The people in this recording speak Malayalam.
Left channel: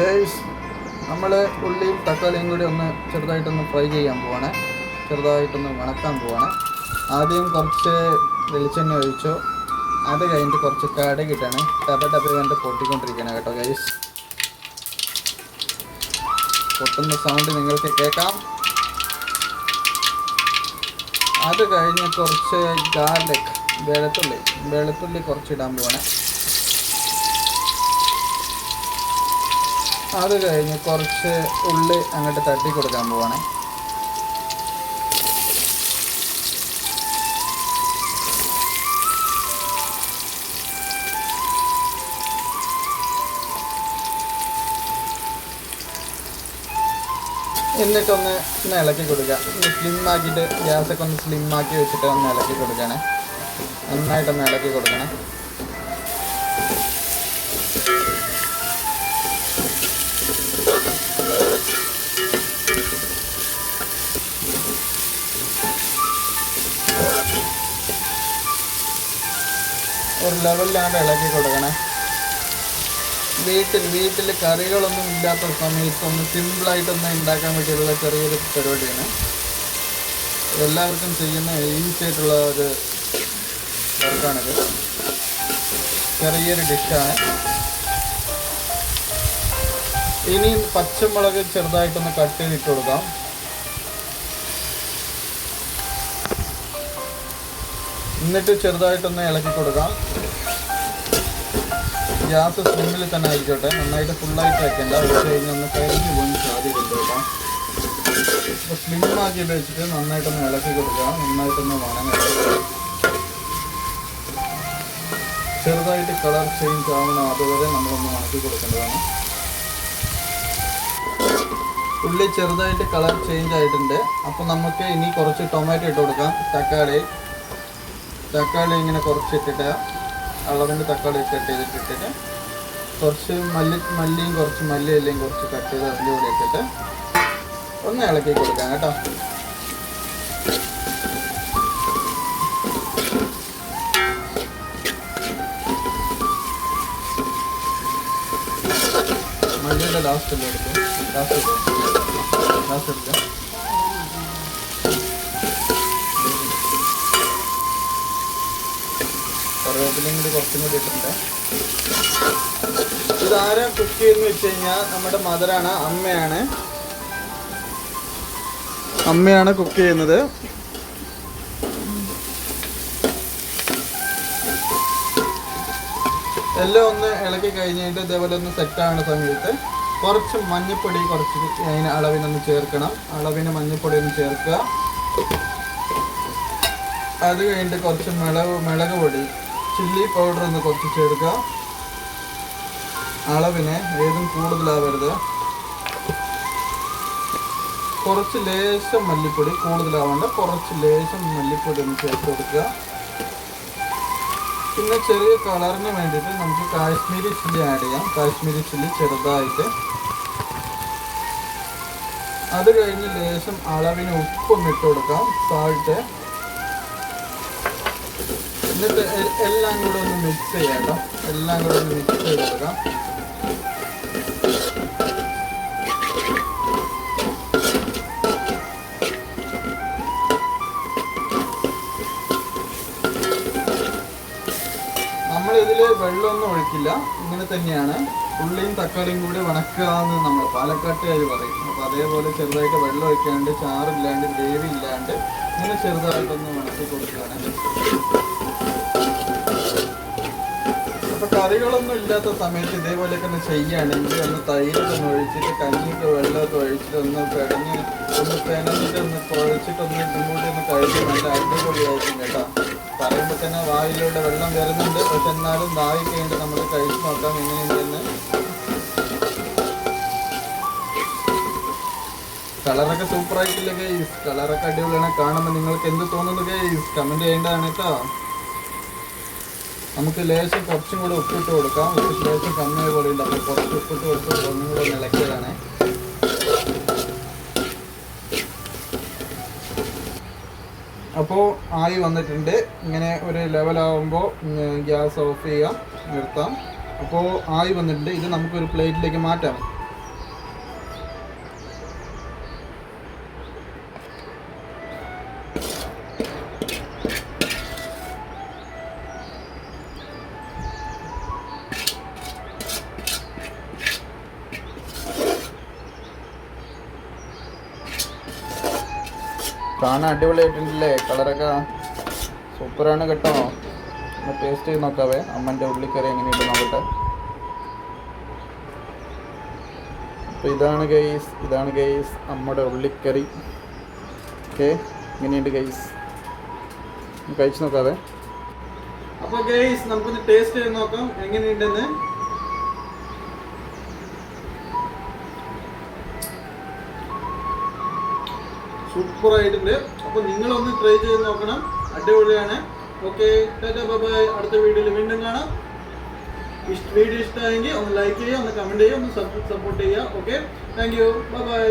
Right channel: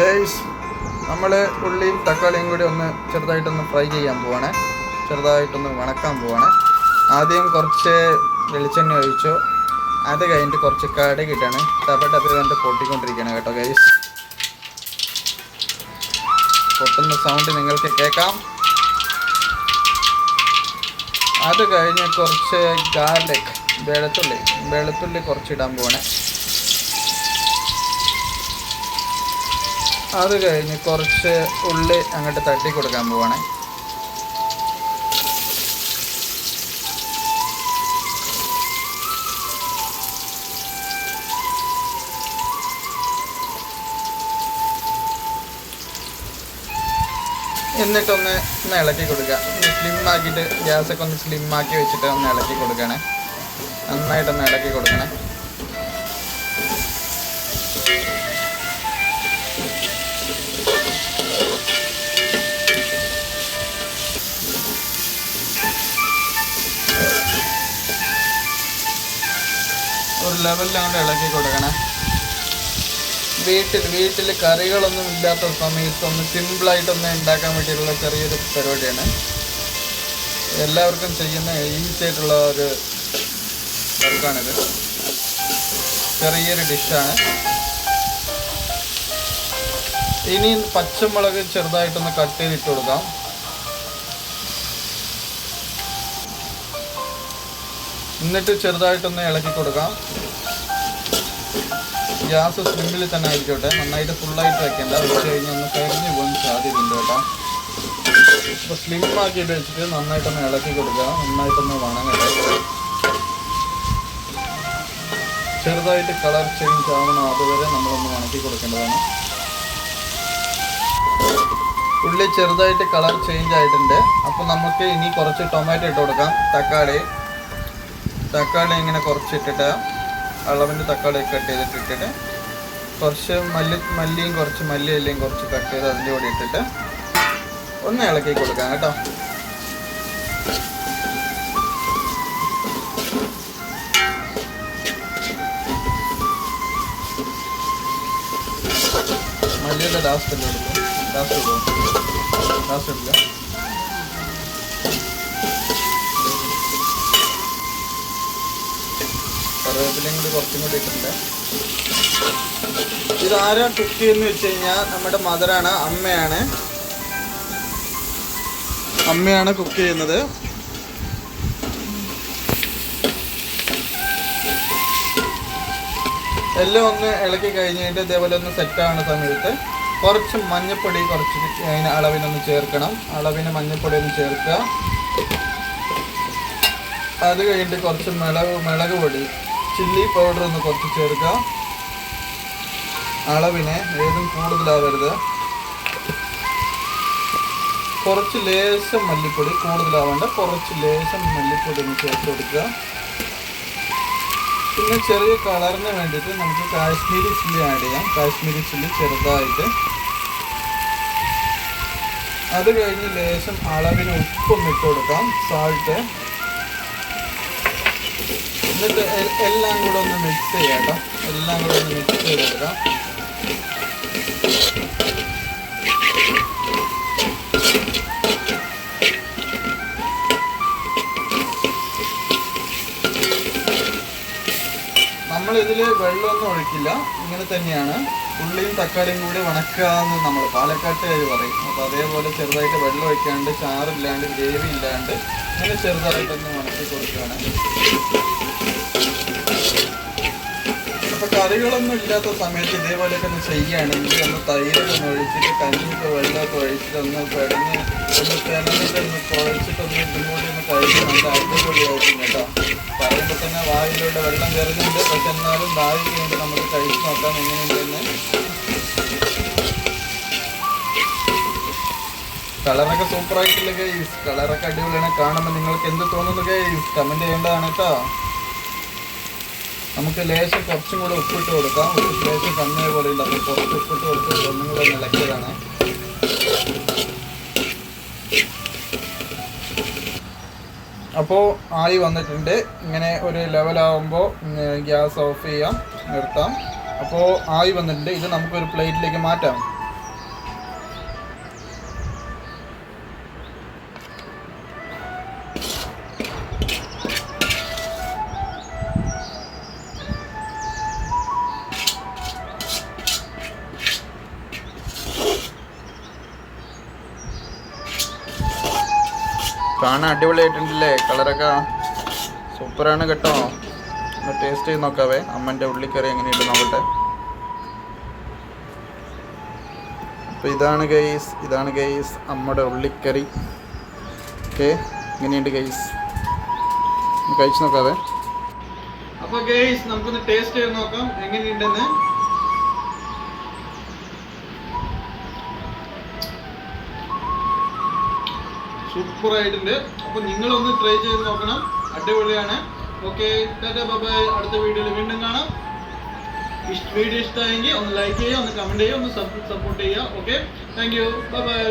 ഗൈസ്, നമ്മൾ ഉള്ളിയും തക്കാളിയും കൂടി ഒന്ന് ചെറുതായിട്ടൊന്ന് ഫ്രൈ ചെയ്യാൻ പോവാണ്, ചെറുതായിട്ടൊന്ന് വണക്കാൻ പോവാണ്. ആദ്യം കുറച്ച് വെളിച്ചെണ്ണ ഒഴിച്ചു, അത് കഴിഞ്ഞിട്ട് കുറച്ച് കടുകിട്ടാണ് ടപ്പ കണ്ട് പൊട്ടിക്കൊണ്ടിരിക്കുകയാണ് കേട്ടോ ഗൈസ്. പൊട്ടുന്ന സൗണ്ട് നിങ്ങൾക്ക് കേൾക്കാം. അത് കഴിഞ്ഞ് കുറച്ച് ഗാർലിക്, വെളുത്തുള്ളി കുറച്ച് ഇടാൻ പോവാണ്. അത് കഴിഞ്ഞ് കുറച്ച് ഉള്ളി അങ്ങോട്ട് തട്ടി കൊടുക്കാൻ പോവാണ്. എന്നിട്ടൊന്ന് ഇളക്കി കൊടുക്കുക. സ്ലിം ആക്കിയിട്ട് ഗ്യാസൊക്കെ ഒന്ന് സ്ലിം ആക്കി വെച്ചിട്ട് ഒന്ന് ഇളക്കി കൊടുക്കണേ, നന്നായിട്ടൊന്ന് ഇളക്കി കൊടുക്കണേ. ഒരു ലെവലിലാണ് ഇളക്കി കൊടുക്കണേ. വീട്ടിൽ കറികളൊന്നും ഇല്ലാത്ത സമയത്തൊന്ന് സിമ്പിളായിട്ടൊന്ന് ഉണ്ടാക്കാൻ വേണ്ടിയിട്ടുള്ള ചെറിയൊരു പരിപാടിയാണ്. എല്ലാവർക്കും ചെയ്യുന്ന ഈസി ആയിട്ടുള്ള ഒരു വർക്കാണിത്. ചെറിയൊരു ഡിഷാണ്. ഇനി പച്ചമുളക് ചെറുതായിട്ടൊന്ന് കട്ട് ചെയ്തിട്ട് കൊടുക്കാം. എന്നിട്ട് ചെറുതായിട്ടൊന്ന് ഇളക്കി കൊടുക്കാം. ഗ്യാസ് സ്ലിമ്മിൽ തന്നെ ആയിരിക്കട്ടെ, നന്നായിട്ട് ഫുള്ളായിട്ട് വയ്ക്കേണ്ട. വെച്ച് കഴിഞ്ഞാൽ ഒന്ന് കരിഞ്ഞു പോകാൻ സാധ്യതയുണ്ട് കേട്ടോ. അപ്പോൾ സ്ലിം ആക്കിയിട്ട് വെച്ചിട്ട് നന്നായിട്ടൊന്ന് ഇളക്കി കൊടുക്കുക, നന്നായിട്ടൊന്ന് വണങ്ങുക. ചെറുതായിട്ട് കളർ ചേഞ്ച് ആവണം, അതുവരെ നമ്മളൊന്ന് വണക്കി കൊടുക്കേണ്ടതാണ്. ഉള്ളി ചെറുതായിട്ട് കളർ ചേഞ്ച് ആയിട്ടുണ്ട്. അപ്പോൾ നമുക്ക് ഇനി കുറച്ച് ടൊമാറ്റോ ഇട്ട് കൊടുക്കാം. തക്കാളി ഇങ്ങനെ കുറച്ചിട്ടിട്ട് അളവിൻ്റെ തക്കാളി കട്ട് ചെയ്തിട്ടിട്ട് കുറച്ച് മല്ലിയും കുറച്ച് മല്ലിയിലയും കുറച്ച് കട്ട് ചെയ്ത് അതിൻ്റെ കൂടെ ഇട്ടിട്ട് ഒന്ന് ഇളക്കി കൊടുക്കാം കേട്ടോ. മല്ലിയുടെ ലാസ്റ്റ് എടുക്കുക. കറിവേപ്പിലയും കൂടി കുറച്ചും കൂടി ഇട്ടിട്ടുണ്ട്. ഇതാരാ കുക്ക് ചെയ്യുന്നത് വെച്ച് കഴിഞ്ഞാൽ നമ്മുടെ മദറാണ്, അമ്മയാണ് കുക്ക് ചെയ്യുന്നത്. എല്ലാം ഒന്ന് ഇളക്കി കഴിഞ്ഞിട്ട് ഇതേപോലെ ഒന്ന് സെറ്റാകുന്ന സമയത്ത് കുറച്ച് മഞ്ഞൾപ്പൊടി അതിന് അളവിനൊന്ന് ചേർക്കണം. അളവിന് മഞ്ഞൾപ്പൊടി ഒന്ന് ചേർക്കുക. അത് കഴിഞ്ഞിട്ട് കുറച്ച് മുളക് പൊടി, ചില്ലി പൗഡർ ഒന്ന് കുറച്ച് ചേർക്കുക. അളവിന് ഏതും കൂടുതലാവരുത്. കുറച്ച് ലേശം മല്ലിപ്പൊടി, കൂടുതലാവേണ്ട, കുറച്ച് ലേശം മല്ലിപ്പൊടി ഒന്ന് ചേർത്ത് കൊടുക്കുക. പിന്നെ ചെറിയ കളറിന് വേണ്ടിയിട്ട് നമുക്ക് കാശ്മീരി ചില്ലി ആഡ് ചെയ്യാം. കാശ്മീരി ചില്ലി ചെറുതായിട്ട്. അത് കഴിഞ്ഞ് ലേശം അളവിന് ഉപ്പൊന്ന് ഇട്ട് കൊടുക്കാം, സാൾട്ട്. എന്നിട്ട് എല്ലാം കൂടെ ഒന്ന് മിക്സ് ചെയ്യാം കേട്ടോ. എല്ലാം കൂടെ ഒന്ന് മിക്സ് ചെയ്ത് കൊടുക്കാം. നമ്മളിതിൽ വെള്ളമൊന്നും ഒഴിക്കില്ല, ഇങ്ങനെ തന്നെയാണ്. ഉള്ളിയും തക്കാളിയും കൂടി വണക്കാന്ന് നമ്മൾ പാലക്കാട്ടുകാർ പറയും. അപ്പോൾ അതേപോലെ ചെറുതായിട്ട് വെള്ളം ഒഴിക്കാണ്ട്, ചാറില്ലാണ്ട്, ഗ്രേവി ഇല്ലാണ്ട് ഇങ്ങനെ ചെറുതായിട്ടൊന്ന് വണക്കി കൊടുക്കുകയാണ്. അപ്പോൾ കറികളൊന്നും ഇല്ലാത്ത സമയത്ത് ഇതേപോലെയൊക്കെ ഒന്ന് ചെയ്യുകയാണെങ്കിൽ ഒന്ന് തൈരൊക്കെ ഒന്ന് ഒഴിച്ചിട്ട്, കഞ്ഞിക്ക് വെള്ളമൊക്കെ ഒഴിച്ചിട്ട് ഒന്ന് പിടഞ്ഞ് ഒന്ന് പെനഞ്ഞിട്ടൊന്ന് കുഴച്ചിട്ടൊന്ന് ഇതും കൂടി ഒന്ന് കഴിച്ച് നല്ല അടിപൊളിയായിരിക്കും കേട്ടോ. പറയുമ്പോൾ തന്നെ വായിലൂടെ വെള്ളം കയറുന്നുണ്ട്. പക്ഷെ എന്നാലും ദാഹി കഴിഞ്ഞിട്ട് നമുക്ക് കഴിച്ച് നോക്കാം എങ്ങനെയുണ്ടെന്ന്. കളറൊക്കെ സൂപ്പറായിട്ടില്ല ഗൈസ്, കളറൊക്കെ അടിപൊളിയാണ്. കാണുമ്പോൾ നിങ്ങൾക്ക് എന്ത് തോന്നുന്നു ഗൈസ്, കമൻറ്റ് ചെയ്യേണ്ടതാണ് കേട്ടോ. നമുക്ക് ലേശം കുറച്ചും കൂടെ ഉപ്പിട്ട് കൊടുക്കാം. ലേശം കമ്മിയ പോലെ ഉണ്ട്, അപ്പോൾ കുറച്ച് ഉപ്പിട്ട് കൊടുത്ത് ഒന്നും കൂടെ നിലയ്ക്കലാണ്. അപ്പോൾ ആയി വന്നിട്ടുണ്ട്. ഇങ്ങനെ ഒരു ലെവലാകുമ്പോൾ ഗ്യാസ് ഓഫ് ചെയ്യാം, നിർത്താം. അപ്പോൾ ആയി വന്നിട്ടുണ്ട്. ഇത് നമുക്കൊരു പ്ലേറ്റിലേക്ക് മാറ്റാം. കാണാൻ അടിപൊളിയായിട്ടുണ്ടല്ലേ, കളറൊക്കെ സൂപ്പറാണ് കേട്ടോ. ഒന്ന് ടേസ്റ്റ് ചെയ്ത് നോക്കാവേ. അമ്മൻ്റെ ഉള്ളിക്കറി എങ്ങനെയുണ്ട് നോക്കട്ടെ. അപ്പോൾ ഇതാണ് ഗൈസ് അമ്മയുടെ ഉള്ളിക്കറി. ഓക്കെ, എങ്ങനെയുണ്ട് ഗൈസ്, കഴിച്ച് നോക്കാവേ. അപ്പോൾ ഗൈസ് നമുക്കൊന്ന് ടേസ്റ്റ് ചെയ്ത് നോക്കാം എങ്ങനെയുണ്ടെന്ന്. സൂപ്പറായിട്ടുണ്ട്. അപ്പോൾ നിങ്ങളൊന്ന് ട്രൈ ചെയ്ത് നോക്കണം, അടിപൊളിയാണ്. Okay, tata bye bye. അടുത്ത വീഡിയോയിൽ വീണ്ടും കാണാം. വീഡിയോ ഇഷ്ടമായെങ്കിൽ ഒന്ന് ലൈക്ക് ചെയ്യുക, ഒന്ന് കമൻറ്റ് ചെയ്യുക, ഒന്ന് സപ്പോർട്ട് ചെയ്യുക. Okay, thank you, bye bye.